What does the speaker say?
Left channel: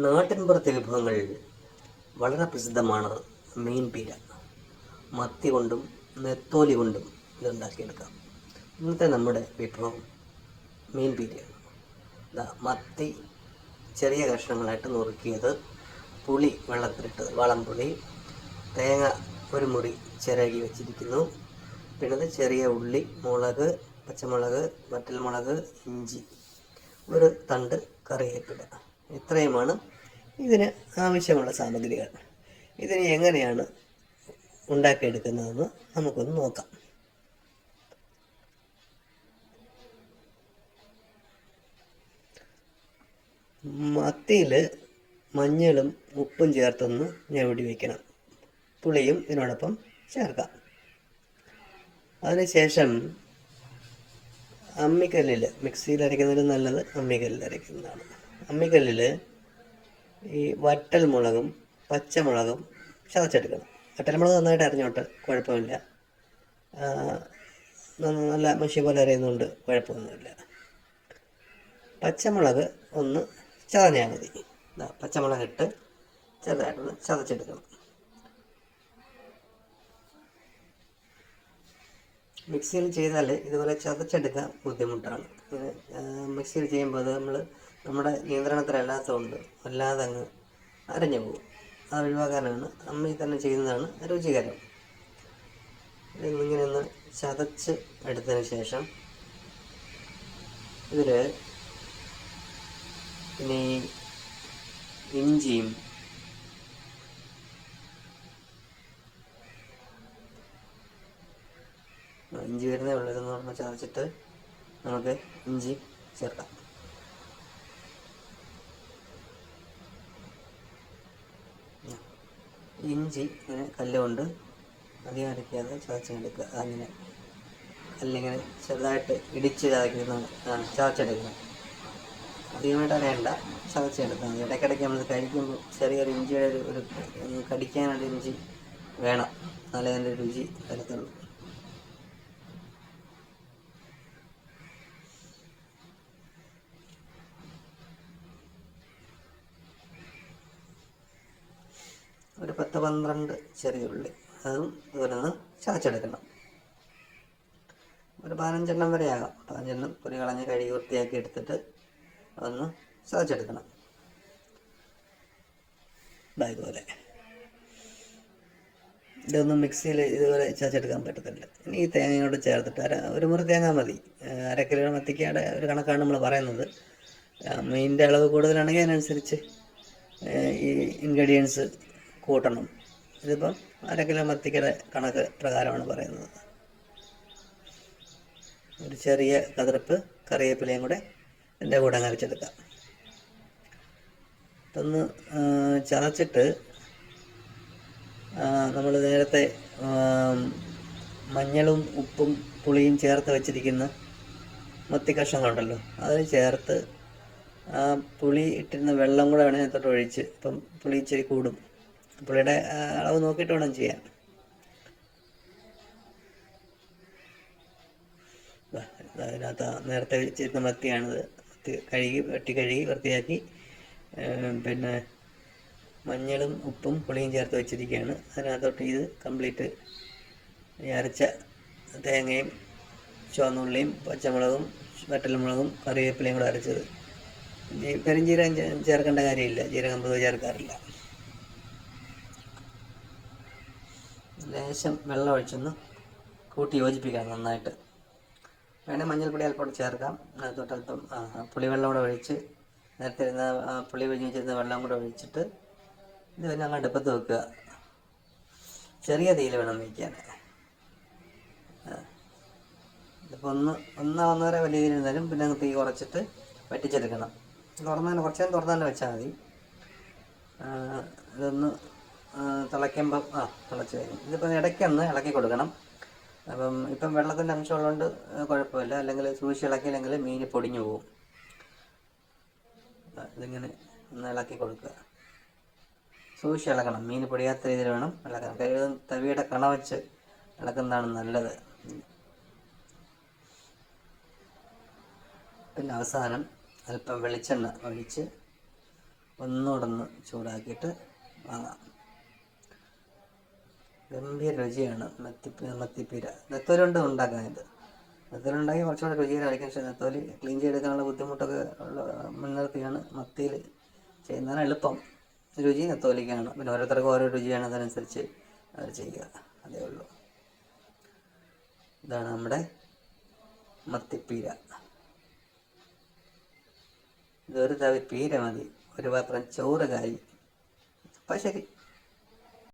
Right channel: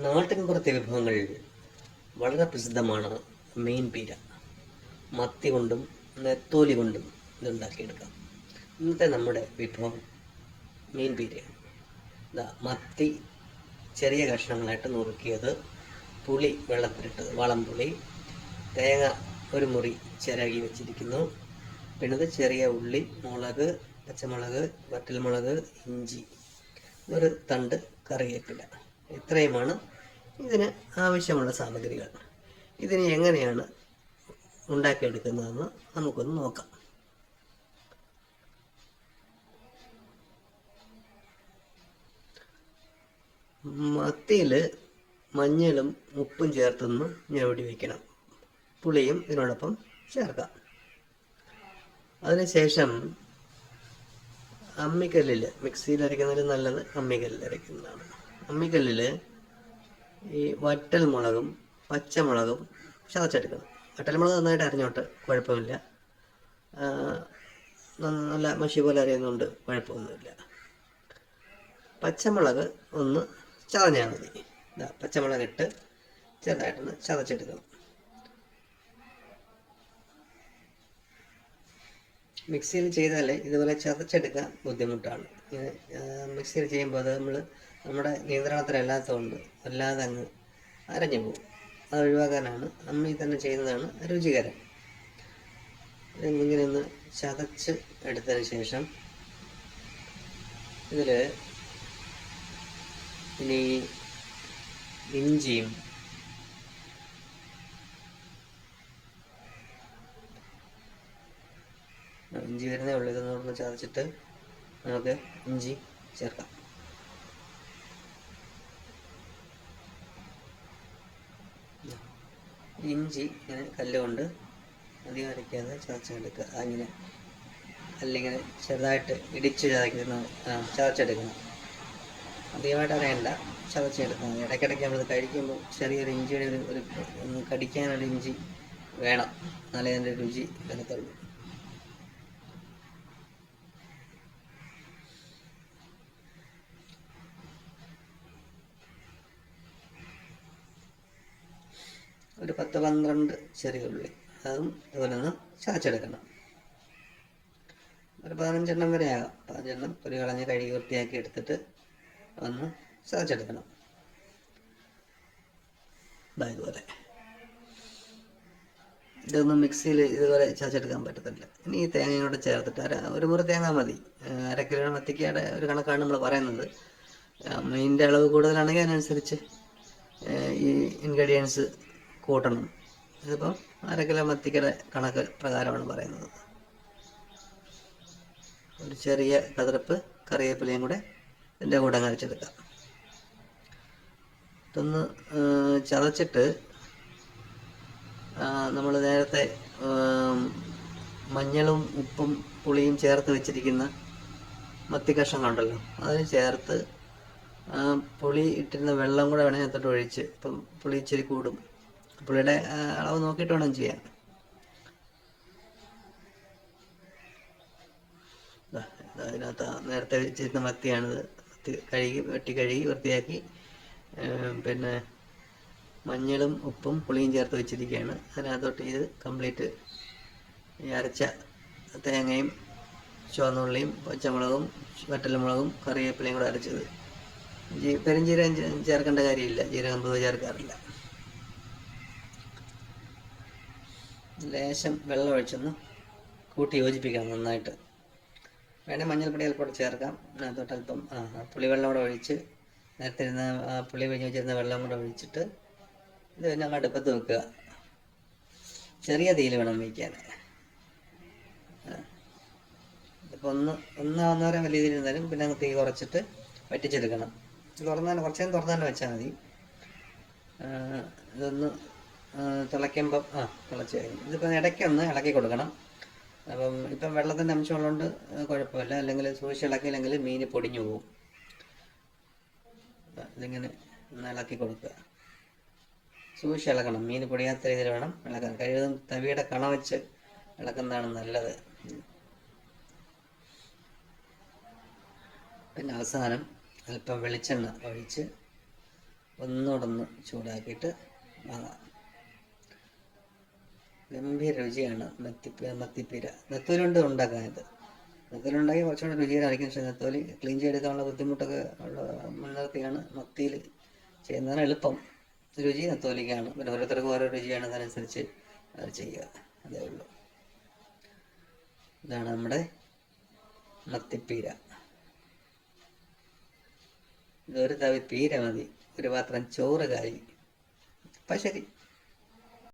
നാട്ടിൻപുറത്തെ വിഭവങ്ങൾ വളരെ പ്രസിദ്ധമാണ്. മീൻ പീര മത്തി കൊണ്ടും നെത്തോലി കൊണ്ടും ഇതുണ്ടാക്കിയെടുക്കാം. ഇന്നത്തെ നമ്മുടെ വിഭവം മീൻ പീരയാണ്. മത്തി ചെറിയ കഷ്ണങ്ങളായിട്ട് നുറുക്കിയത്, പുളി വെള്ളത്തിലിട്ടത്, വളംപുളി, തേങ്ങ ഒരു മുറി ചിരകി വെച്ചിരിക്കുന്നു. പിന്നെ ചെറിയ ഉള്ളി, മുളക്, പച്ചമുളക്, വറ്റൽമുളക്, ഇഞ്ചി, ഒരു തണ്ട് കറിവേപ്പില. ഇത്രയുമാണ് ഇതിന് ആവശ്യമുള്ള സാമഗ്രികൾ. ഇതിന് എങ്ങനെയാണ് ഉണ്ടാക്കിയെടുക്കുന്നതെന്ന് നമുക്കൊന്ന് നോക്കാം. മത്തിയിൽ മഞ്ഞളും ഉപ്പും ചേർത്തൊന്ന് ഞവടി വയ്ക്കണം. പുളിയും ഇതിനോടൊപ്പം ചേർക്കാം. അതിനുശേഷം അമ്മിക്കല്ലിൽ, മിക്സിയിൽ അരയ്ക്കുന്നതിൽ നല്ലത് അമ്മിക്കല്ലിൽ അരയ്ക്കുന്നതാണ്. അമ്മിക്കല്ലിൽ ഈ വറ്റൽമുളകും പച്ചമുളകും ചതച്ചെടുക്കണം. വറ്റൽമുളക് നന്നായിട്ട് അരഞ്ഞോട്ട് കുഴപ്പമില്ല, നല്ല മഷി പോലെ അരയുന്നതുകൊണ്ട് കുഴപ്പമൊന്നുമില്ല. പച്ചമുളക് ഒന്ന് ചതഞ്ഞാൽ മതി. പച്ചമുളക് ഇട്ട് ചെറുതായിട്ടൊന്ന് ചതച്ചെടുക്കണം. മിക്സിയിൽ ചെയ്താൽ ഇതുപോലെ ചതച്ചെടുക്കാൻ ബുദ്ധിമുട്ടാണ്. ഇങ്ങനെ മിക്സിയിൽ ചെയ്യുമ്പോൾ അത് നമ്മുടെ നിയന്ത്രണത്തിലല്ലാത്തതുകൊണ്ട് വല്ലാതെ അങ്ങ് അരഞ്ഞു പോകും. അത് ഒഴിവാക്കാനാണ് അമ്മയിൽ തന്നെ ചെയ്യുന്നതാണ് രുചികരം. ഇങ്ങനെ ഒന്ന് ചതച്ച് എടുത്തതിന് ശേഷം ഇതിൽ ഇനി ഇഞ്ചിയും ഇഞ്ചി വരുന്നേ ഉള്ളൂ. ഇതൊന്ന് ചതച്ചിട്ട് നമുക്ക് ഇഞ്ചി ചേർക്കാം. ഇഞ്ചി ഇങ്ങനെ കല്ലുകൊണ്ട് അധികം അരയ്ക്കാതെ ചതച്ചെടുക്കുക. അങ്ങനെ അല്ലെങ്കിൽ ചെറുതായിട്ട് ഇടിച്ച് ചതച്ചെടുക്കണം. അധികമായിട്ട് അറിയണ്ട, ചതച്ചെടുക്കണം. ഇടയ്ക്കിടയ്ക്ക് നമ്മൾ കഴിക്കുമ്പോൾ ചെറിയൊരു ഇഞ്ചിയുടെ ഒരു കടിക്കാനൊരു ഇഞ്ചി വേണം, എന്നാലേ അതിൻ്റെ രുചി വരത്തുള്ളൂ. ഒരു 10-12 ചെറിയ ഉള്ളി, അതും ഇതുപോലെ ഒന്ന് ചതച്ചെടുക്കണം. ഒരു 15 വരെ ആകാം. 15 പൊരി കളഞ്ഞ് കഴുകി വൃത്തിയാക്കി എടുത്തിട്ട് ഒന്ന് ചതച്ചെടുക്കണം. ഇതുപോലെ ഇതൊന്നും മിക്സിയിൽ ഇതുപോലെ ചതച്ചെടുക്കാൻ പറ്റത്തില്ല. ഇനി ഈ തേങ്ങയോട് ചേർത്തിട്ട് ഒരു മുറി തേങ്ങ മതി. 1/2 കിലോ മത്തിക്കയുടെ ഒരു കണക്കാണ് നമ്മൾ പറയുന്നത്. മീനിൻ്റെ അളവ് കൂടുതലാണെങ്കിൽ അതിനനുസരിച്ച് ഈ ഇൻഗ്രീഡിയൻസ് കൂട്ടണം. ഇതിപ്പം 1/2 കിലോ മത്തിക്കയുടെ കണക്ക് പ്രകാരമാണ് പറയുന്നത്. ഒരു ചെറിയ കതിർപ്പ് കറിവേപ്പിലയും കൂടെ ഇതിൻ്റെ കൂടെ അരച്ചെടുക്കാം. ഇതൊന്ന് ചതച്ചിട്ട് നമ്മൾ നേരത്തെ മഞ്ഞളും ഉപ്പും പുളിയും ചേർത്ത് വെച്ചിരിക്കുന്ന മത്തി കഷ്ണങ്ങളുണ്ടല്ലോ, അതിന് ചേർത്ത് പുളി ഇട്ടിരുന്ന വെള്ളം കൂടെ വേണമെങ്കിൽ അതിനകത്തോട്ട് ഒഴിച്ച്, ഇപ്പം പുളി ഇച്ചിരി കൂടും, പുളിയുടെ അളവ് നോക്കിയിട്ട് വേണം ചെയ്യാൻ. അതിനകത്ത് നേരത്തെ വെച്ചിരുന്ന മത്തിയാണിത്. വെട്ടി കഴുകി വൃത്തിയാക്കി പിന്നെ മഞ്ഞളും ഉപ്പും പുളിയും ചേർത്ത് വെച്ചിരിക്കുകയാണ്. അതിനകത്തോട്ട് ഇത് കംപ്ലീറ്റ് അരച്ച തേങ്ങയും ചുവന്നുള്ളിയും പച്ചമുളകും വറ്റൽമുളകും കറിവേപ്പിലയും കൂടെ അരച്ചത്. പെരുംജീരകം ചേർക്കേണ്ട കാര്യമില്ല, ജീരകം പൊതുവെ ചേർക്കാറില്ല. ലേശം വെള്ളം ഒഴിച്ചൊന്ന് കൂട്ടി യോജിപ്പിക്കണം നന്നായിട്ട്. വേണേൽ മഞ്ഞൾപ്പൊടി അല്പം ചേർക്കാം. അതിനകത്തോട്ട് അല്പം പുളിവെള്ളം കൂടെ ഒഴിച്ച്, നേരത്തെ ഇരുന്ന പുളി പിഴിഞ്ഞ് വെച്ചിരുന്ന വെള്ളം കൂടെ ഒഴിച്ചിട്ട് ഇത് തന്നെ അങ്ങ് അടുപ്പത്ത് വെക്കുക. ചെറിയ തീയിൽ വേണം വയ്ക്കാൻ. ഇപ്പോൾ ഒന്നര വലിയ തീയിൽ ഇരുന്നാലും പിന്നെ തീ കുറച്ചിട്ട് വറ്റിച്ചെടുക്കണം. കുറച്ച് നേരം തുറന്നാലും വെച്ചാൽ മതി. ഇതൊന്ന് തിളയ്ക്കുമ്പം തിളച്ച് ഇതിപ്പോൾ ഇടയ്ക്കൊന്ന് ഇളക്കി കൊടുക്കണം. അപ്പം ഇപ്പം വെള്ളത്തിൻ്റെ അംശമുള്ളതുകൊണ്ട് കുഴപ്പമില്ല, അല്ലെങ്കിൽ സൂക്ഷിച്ച് ഇളക്കിയില്ലെങ്കിൽ മീൻ പൊടിഞ്ഞു പോവും. ഇതിങ്ങനെ ഒന്ന് ഇളക്കി കൊടുക്കുക. സൂക്ഷിച്ച് ഇളക്കണം, മീൻ പൊടിയാത്ത രീതിയിൽ വേണം ഇളക്കാൻ. കഴിയുന്നതും തവിയുടെ കണ വെച്ച് ഇളക്കുന്നതാണ് നല്ലത്. പിന്നെ അവസാനം അല്പം വെളിച്ചെണ്ണ ഒഴിച്ച് ഒന്നുകൂടെ ഒന്ന് ചൂടാക്കിയിട്ട് വാങ്ങാം. ഗംഭീര രുചിയാണ് മത്തിപ്പീര. നെത്തോലി കൊണ്ട് ഉണ്ടാക്കാൻ ഇത്. നെത്തോലി ഉണ്ടാക്കി കുറച്ചുകൂടെ രുചികരമായിരിക്കും. പക്ഷേ നെത്തോലി ക്ലീൻ ചെയ്തെടുക്കാനുള്ള ബുദ്ധിമുട്ടൊക്കെ മുൻനിർത്തിയാണ് മത്തിയിൽ ചെയ്യുന്നതാണ് എളുപ്പം. രുചി നെത്തോലിക്കാണ്. പിന്നെ ഓരോരുത്തർക്കും ഓരോ രുചിയാണ്, അതനുസരിച്ച് അത് ചെയ്യുക, അതേ ഉള്ളൂ. ഇതാണ് നമ്മുടെ മത്തിപ്പീര. ഇതൊരു തവി പീര മതി, ഒരു പാത്രം ചോറ് കാരി. അപ്പം ശരി.